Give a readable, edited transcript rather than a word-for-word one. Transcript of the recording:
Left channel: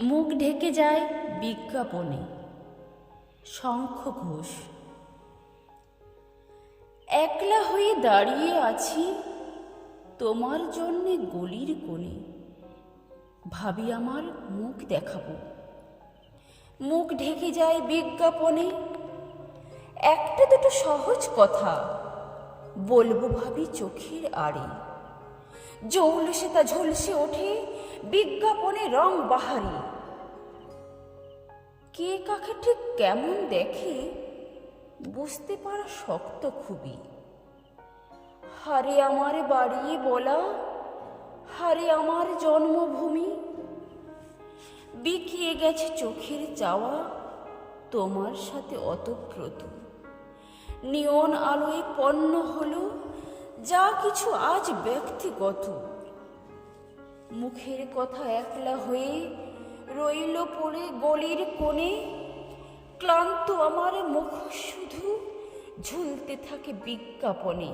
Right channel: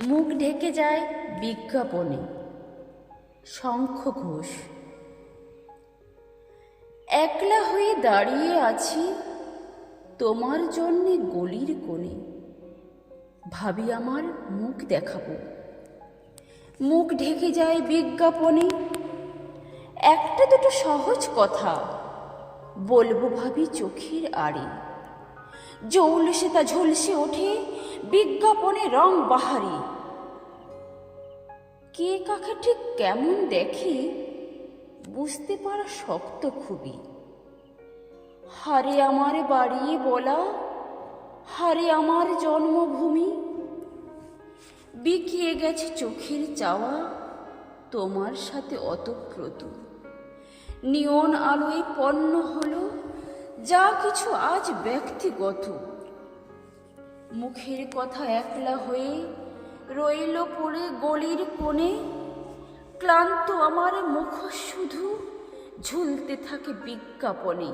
মুখ ঢেকে যায় বিজ্ঞাপনে। শঙ্খ ঘোষ। একলা হয়ে দাঁড়িয়ে আছি তোমার জন্যে গলির কোণে, ভাবি আমার মুখ দেখাবো, মুখ ঢেকে যায় বিজ্ঞাপনে। একটা দুটো সহজ কথা বলবো ভাবি চোখের আড়ে, জৌলসে তা ঝলসে ওঠে বিজ্ঞাপনে রং বাহারি। কে কাকে ঠিক কেমন দেখে বুঝতে পারা শক্ত খুবই। হারে আমার বাড়ি বলা, হারে আমার জন্মভূমি, বিকিয়ে গেছে চোখের চাওয়া তোমার সাথে অতপ্রত। নিয়ন আলোয় পণ্য হলো যা কিছু আজ ব্যক্তিগত। মুখের কথা একলা হয়ে রইল পড়ে গলির কোণে, ক্লান্ত আমার মুখ শুধু ঝুলতে থাকে বিজ্ঞাপনে।